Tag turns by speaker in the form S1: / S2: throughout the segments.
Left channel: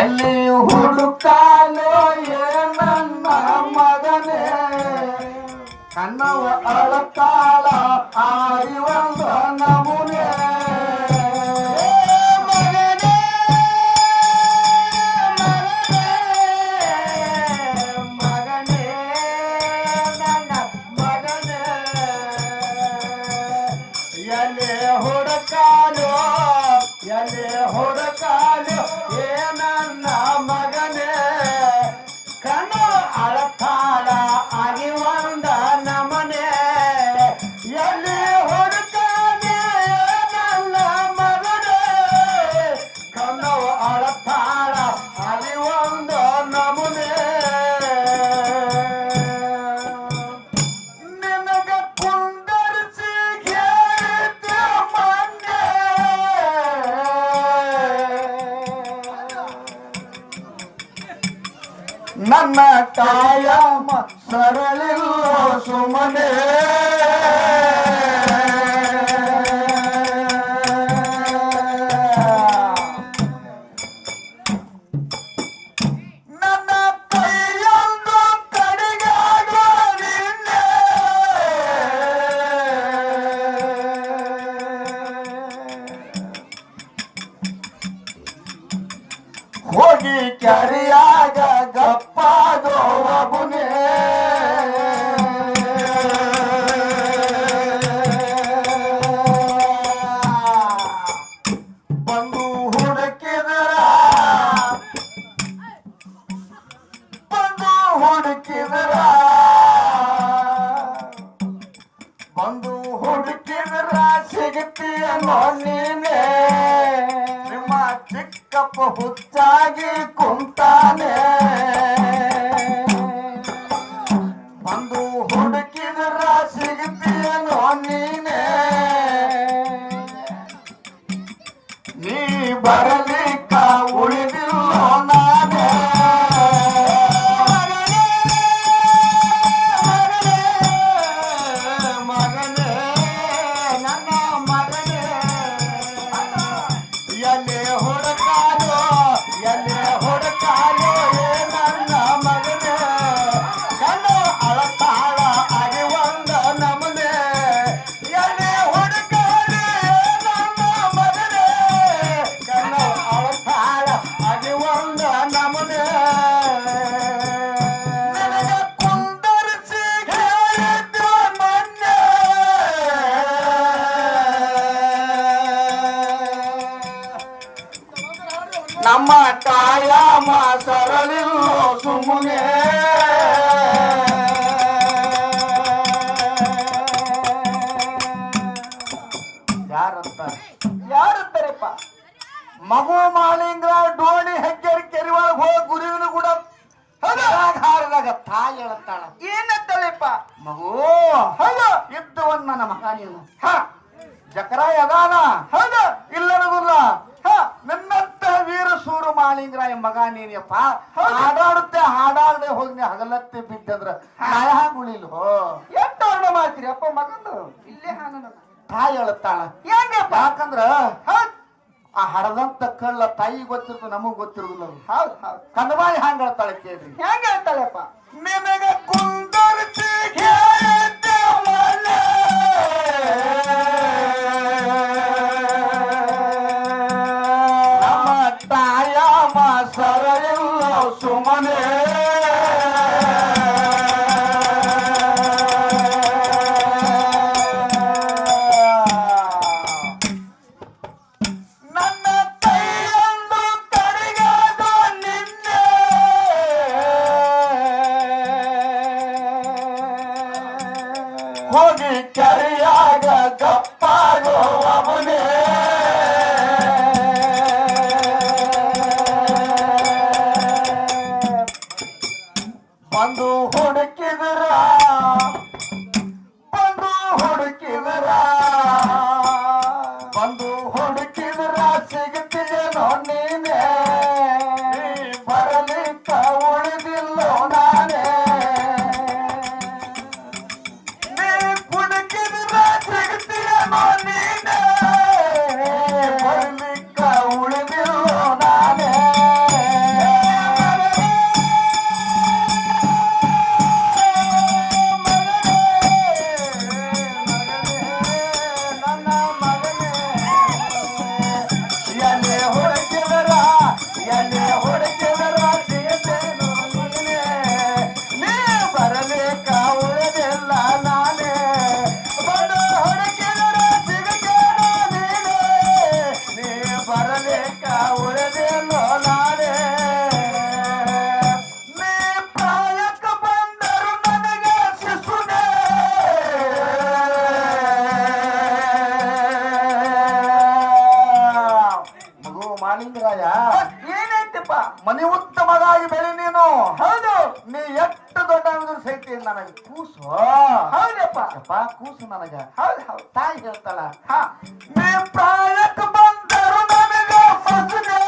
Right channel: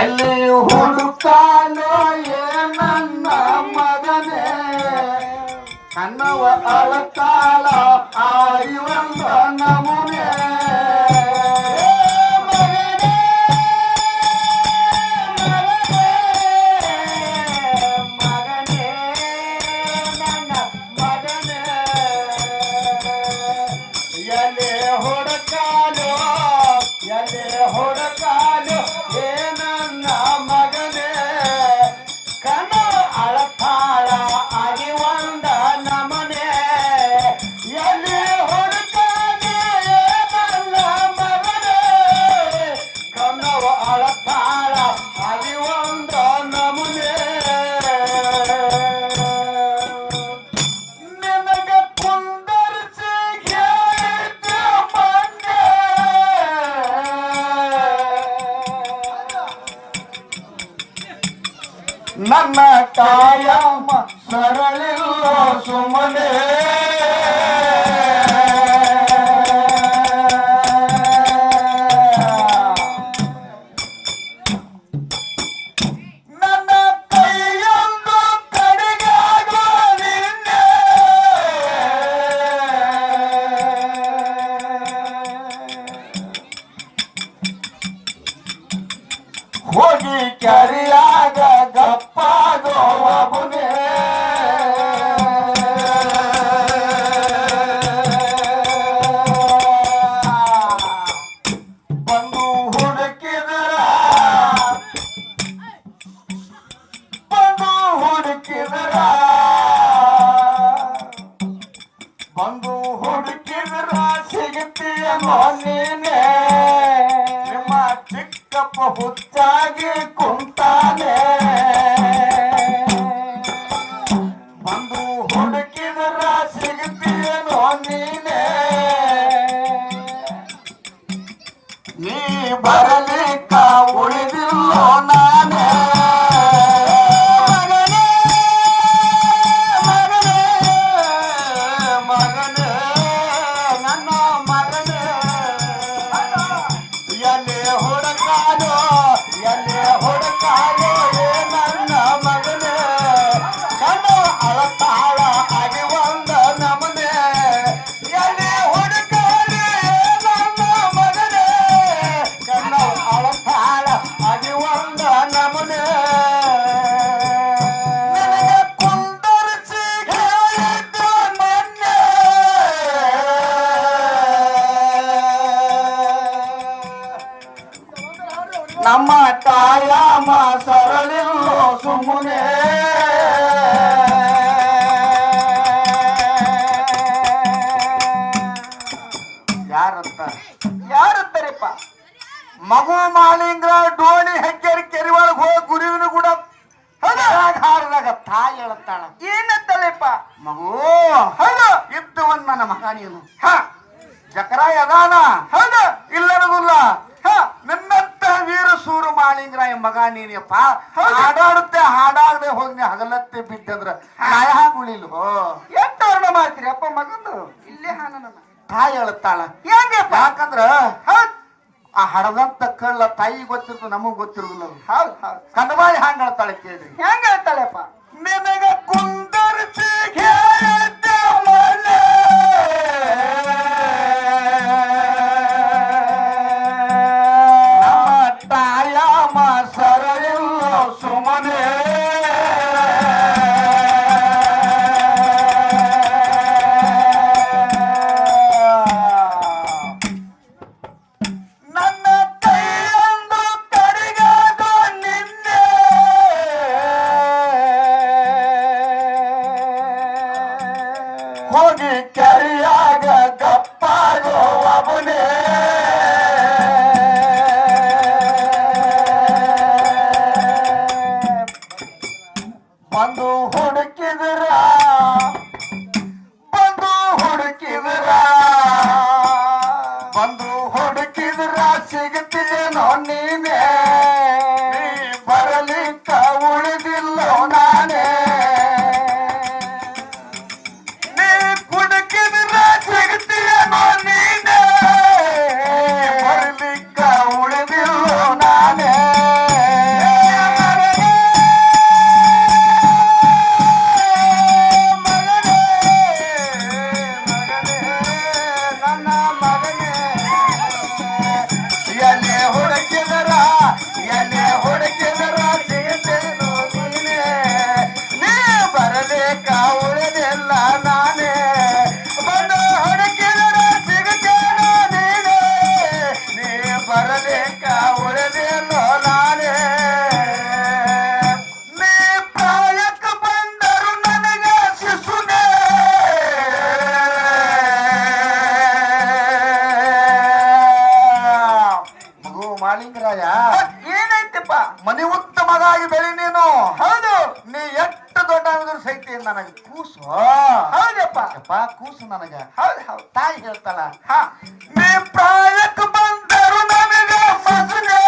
S1: ಎಲ್ಲಿ ಹುಡುಕಾಲೋ ನೀ ಬರಲಿಕ್ಕ ಹಾರದಾಗ ತಾಯಿ ಹೇಳುತ್ತಾಳ. ಏನಂತಾಳೆಪ್ಪ? ಮಗು ಹೌದು ಇದ್ದು ಒಂದ್ ನನ್ನ ಮಗ ನೀನು. ಹ ಜಕರಾಯ ಅದಾನ. ಹೌದ ಇಲ್ಲರಗುಲ್ಲ ಹ ನಿನ್ನಂತ ವೀರ ಸೂರು ಮಾಳಿಂಗರಾಯ ಮಗ ನೀನಪ್ಪ. ಹಾಡಾಡುತ್ತೆ ಹಾಡಾಡದೆ ಹೋಗಿ ನೀ ಹಗಲತ್ತೆ ಬಿಟ್ಟಂದ್ರ ನಾಯ ಉಳಿಲ್ವೋ ಎಷ್ಟು ವರ್ಣ ಮಾಡ್ತೀರಿ ಅಪ್ಪ ಮಗಂದು? ಇಲ್ಲೇ ಹಾನ ತಾಯಿ ಹೇಳುತ್ತಾಳ. ಹೆಂಗಪ್ಪ? ಯಾಕಂದ್ರ ಹೌದ್. ಆ ಹಡದಂತ ಕಳ್ಳ ತಾಯಿ ಗೊತ್ತಿರ್ತದ ನಮಗ್ ಗೊತ್ತಿರುದಿಲ್ಲ ಹೌದು ಹೌದ್. ಕನ್ನವಾಯಿ ಹ್ಯಾಂಗ ಹೇಳ್ತಾಳೆ ಕೇಳ್ರಿ ಹೆಂಗ ಹೇಳ್ತಾಳೆಪ್ಪ? ನಿನಗೆ ಕುಂದರ್ಸಿ Come on.
S2: ಏನೈತಪ್ಪ
S1: ಉತ್ತಮವಾಗಿ ಬೆಳಿ ನೀನು.
S2: ಹೌದು.
S1: ನೀ ಎಷ್ಟು ದೊಡ್ಡ ಅನ್ನೋದ್ರ ಸಹಿತ ನನಗೆ ಕೂಸು.
S2: ಹೌದಪ್ಪ.
S1: ಅಪ್ಪ ಕೂಸು ನನಗ.
S2: ಹೌದು ಹೌದು.
S1: ತಾಯಿ ಹೇಳ್ತಾಳ
S2: ಹಾ.
S1: ನೀ ಪ್ರಾಯಕ್ಕೆ ಬಂದರು ನನಗೆ ಸಸುಗೆ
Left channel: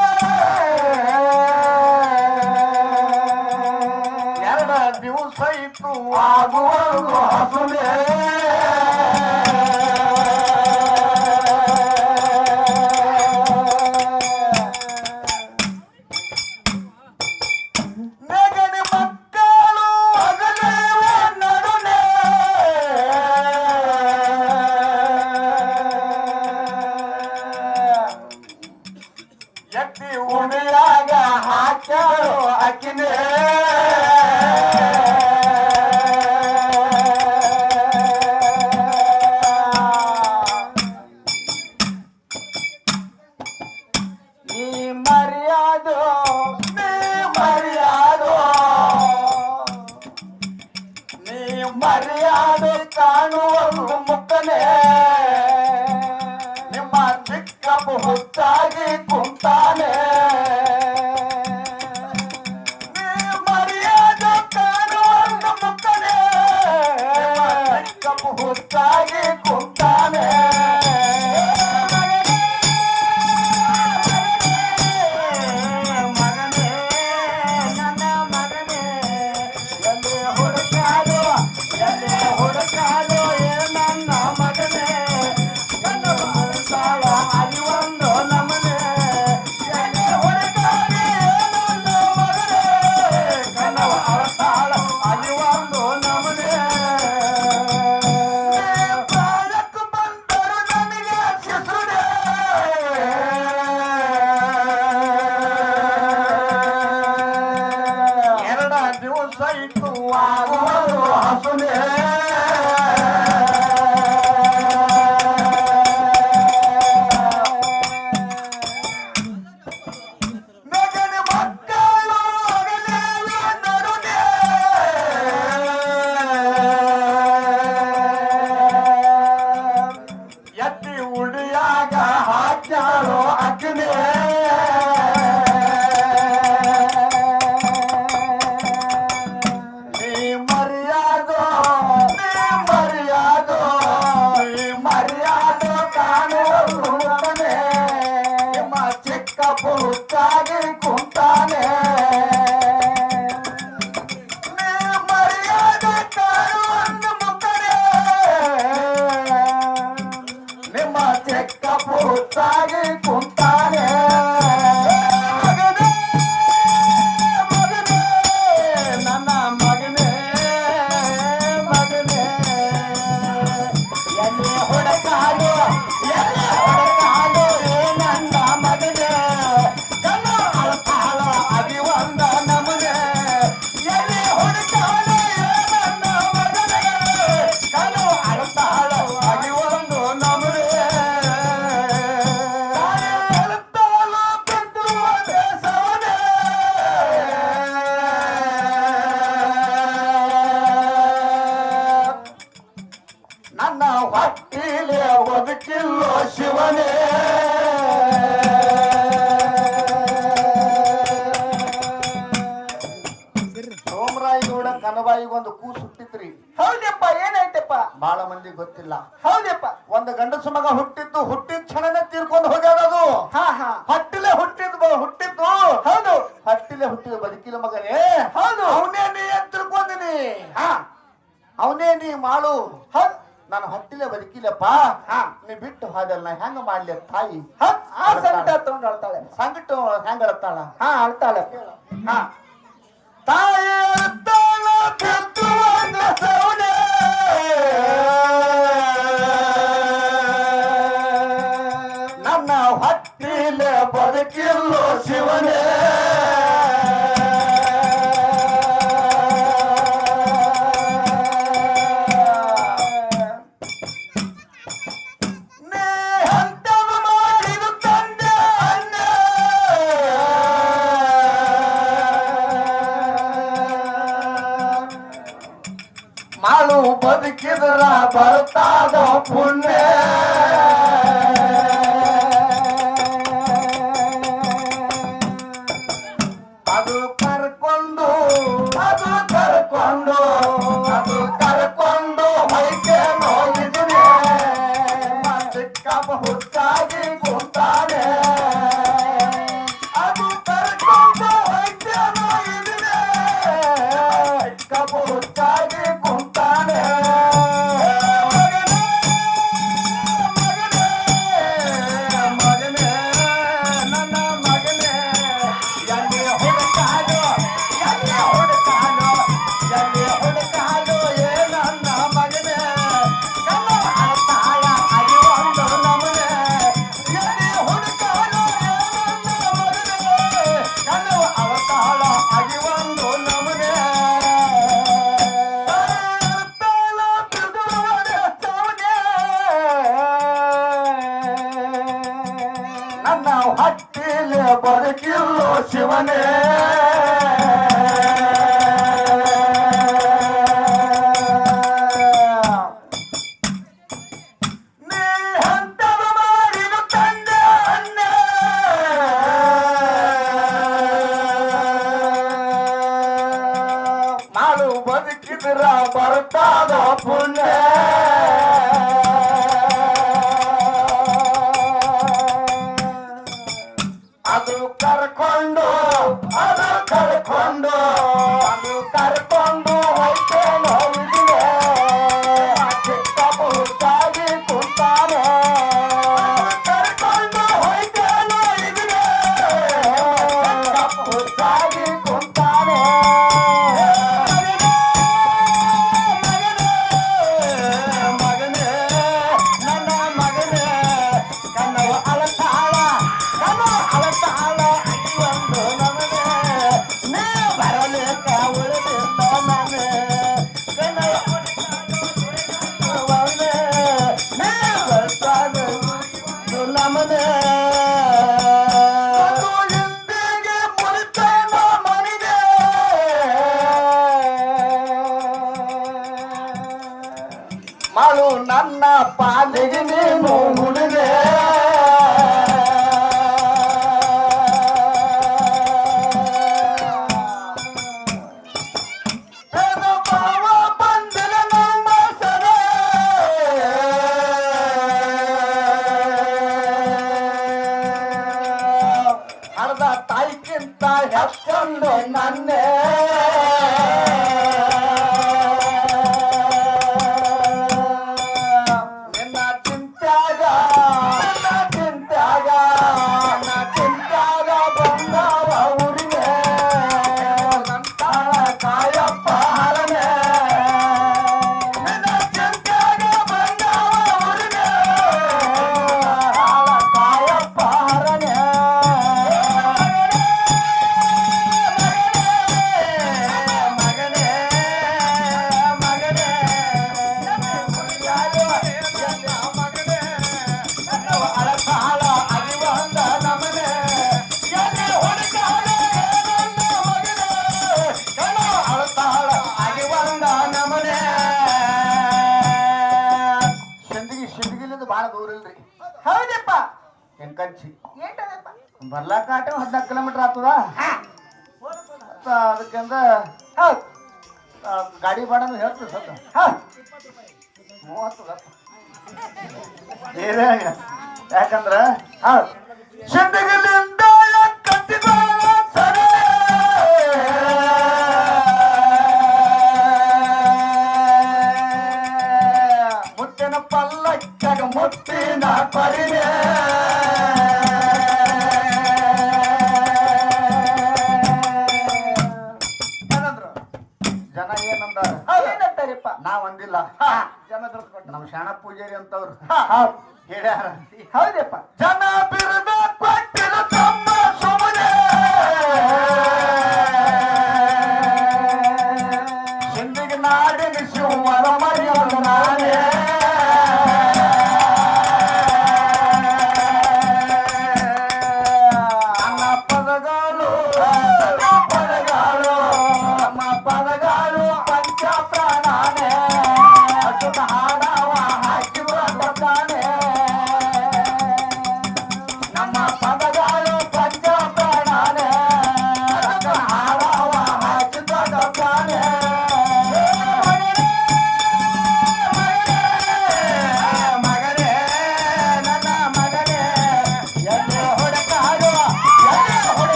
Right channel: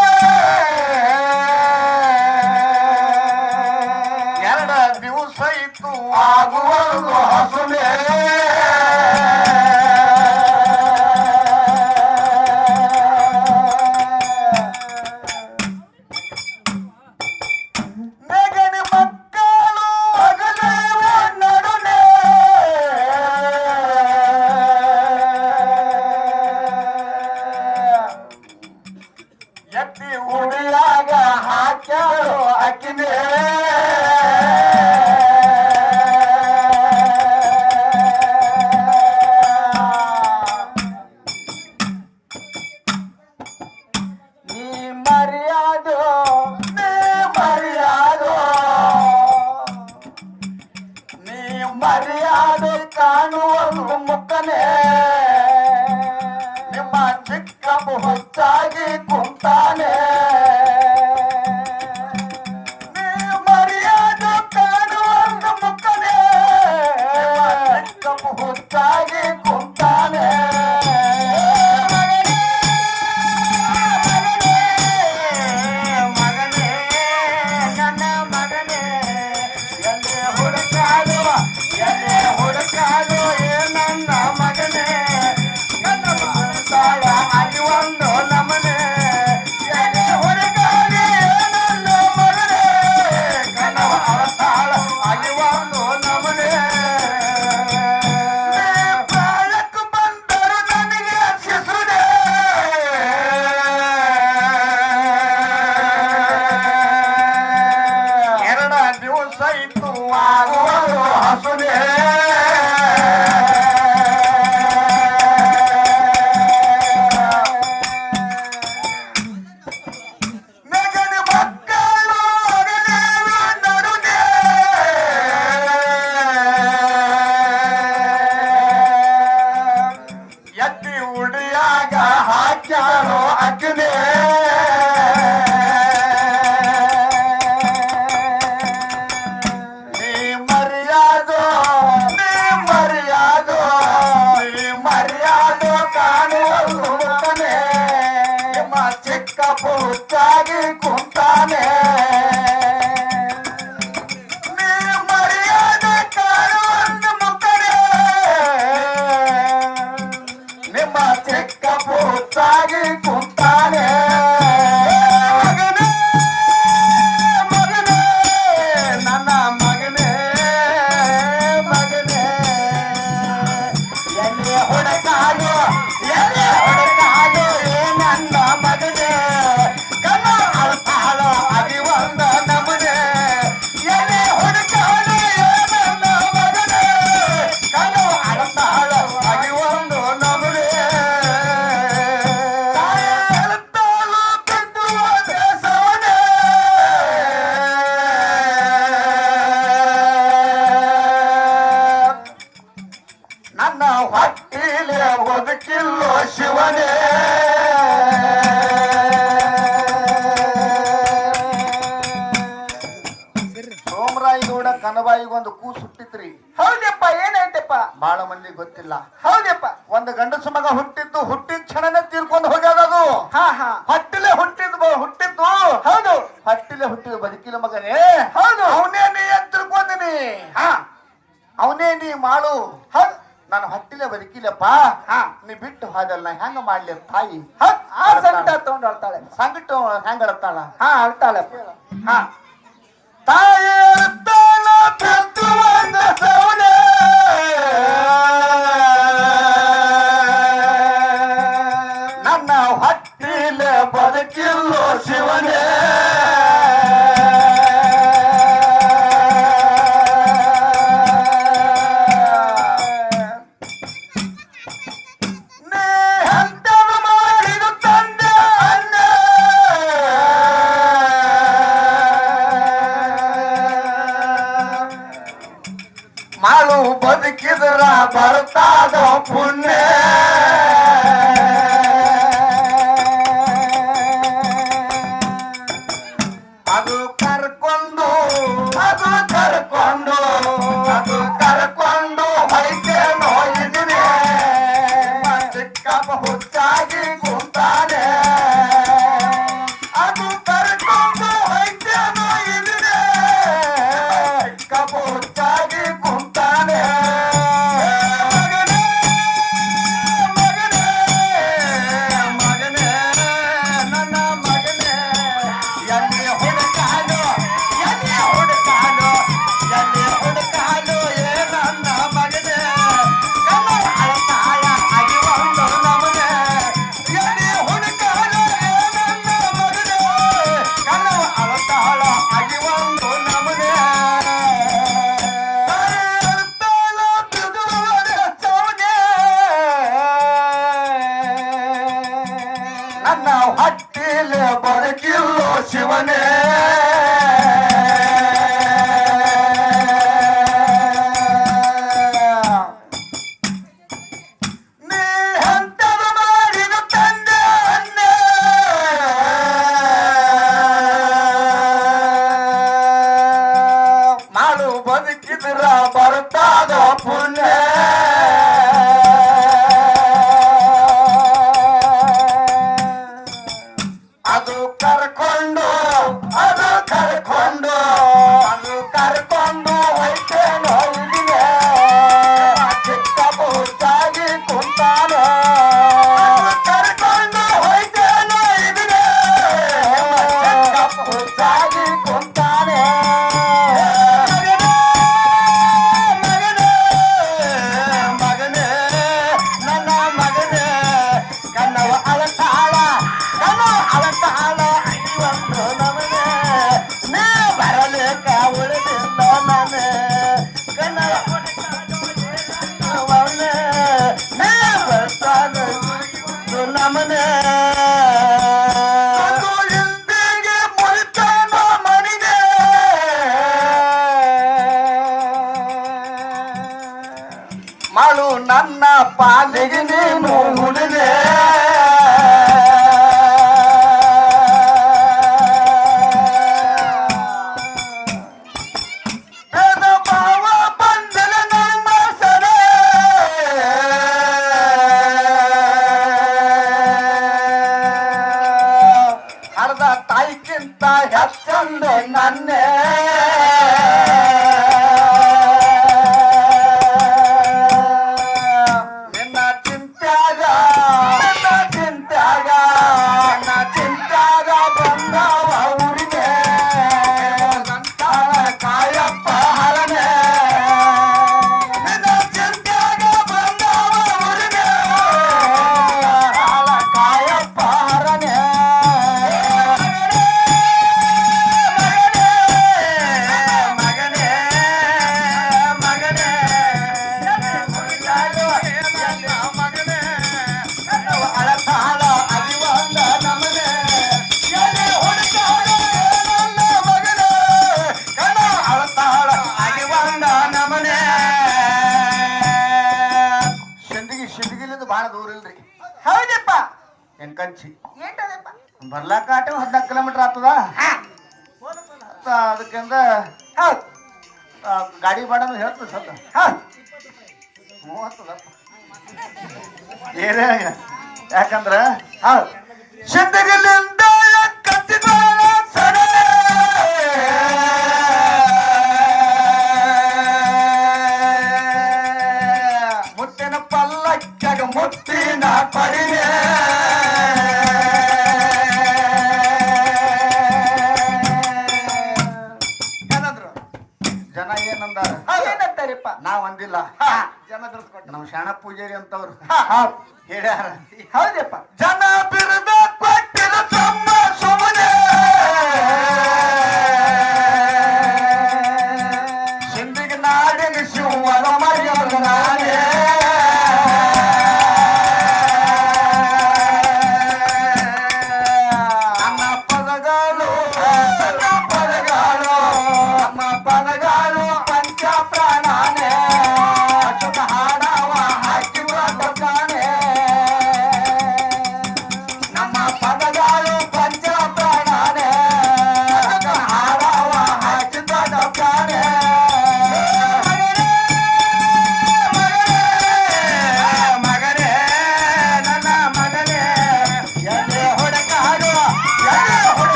S1: ಎರಡ ದಿವಸ ಇತ್ತು ಆಗುವ ಹಸುವೆ. ನನ್ನ ಹೊಟ್ಟಿಲೆ ಬದುಕಿಲ್ಲೋ ಶಿವನೇ. ಸೋಮರಾಯಿಗೌಡ ಕನಬಾಯಿಗೊಂದು ಕೂ ಹುಟ್ಟಿತ್ರಿ
S2: ಹೌದಪ್ಪ ಏನಾಯ್ತಪ್ಪ
S1: ಬಹಳ ಮಂದಿ ಗೊತ್ತಿಲ್ಲ.
S2: ಹೌದಪ್ಪ.
S1: ಒಂದು ಗಂಡಸು ಮಗ ಹುಟ್ಟಿದ್ದು ಹುಟ್ಟಿದ ಕ್ಷಣನೇ ತೀರ್ಕೊಂಡು ಹೋಗ್ಯಾದ ಅದು
S2: ಹಾ ಹಾ.
S1: ಹಟ್ಟಿಲೆ ಹುಟ್ಟಿದ್ದು ಹುಟ್ಟಿದ್ದು.
S2: ಹೌದು.
S1: ಹಟ್ಟಿಲೆ ಹುಟ್ಟಿದ ಬದುಕಿಲ್ಲ ಮಗನೇ.
S2: ಹೌದು.
S1: ಅವನೇ ನೀ ಅಂತ ಹಾ. ಅವನೇ ನೀ ಮಾಡು.
S2: ಹೌದು.
S1: ನಾನು ಹಟ್ಟಿಲೆ ಬದುಕಿಲ್ಲಪ್ಪ.
S2: ಹಾ.
S1: ನೀ ಬಿಟ್ಟು ಹಾದಲ್ಲ ನಾ ಹೆಂಗ ಮಾಡ್ಲಿ ತಾಯಿ?
S2: ಆ ಸಂಕಟ ತಗೊಂಡು ಅಳ್ತಾಳೆ.
S1: ಸಂಕಟ ಹೆಂಗ ಅಳ್ತಾಳ?
S2: ಹಾ ಅಳ್ತಾಳೆ.
S1: ಹಾ. ತಾಯಿ ಅಳ್ತಾಳ ಸೌದೆ. ನನ್ನ ಹಟ್ಟಿಲೆ ಬದುಕಿಲ್ಲೋ ಶಿವನೇ. बद किधरा भरता दो पुण्य। ಬಹಳ ದೂರ ಇಲ್ರಿ
S2: ಹೌದಪ್ಪ
S1: ಎಂಕಂಚಿ ಬರ್ಲಾಕ ಆಟ ಹದಿನಾಲ್ಕು ಕಿಲೋಮೀಟರ್ ಆಗ್ತದ? ಅದಕ್ಕಿಂತ
S2: ಹೌದು.
S1: ಗಾಡಿ ಬಾಡನ್ನು ಹೇಳ್ತದೆ
S2: ಸದ
S1: ಮೂವತ್ತದ. ಏರೇ ಯಾಕಂದ್ರೆ ಹೌದು. ಸಿದ್ಧಗಿಲ್ಲಿಂದ ಕತ್ತಿಗೋಳ ಸಡಲ ಮುತ್ತಿನ ಪಡೆಯ ಏನಂದ್ರು? ಜನ ಏನಂದ
S2: ಏನಂತಾರಿಪ್ಪ?
S1: ನಾವ್ ಅಂದಿಲ್ಲ.
S2: ಜನ
S1: ನಮ್ಮ ಶಾಣ ಪೂಜಾರಿ ಅಂತವ್ರು. ಹೇಳ್ಯಾರ.
S2: ಹೌದಪ್ಪ.
S1: ಜನ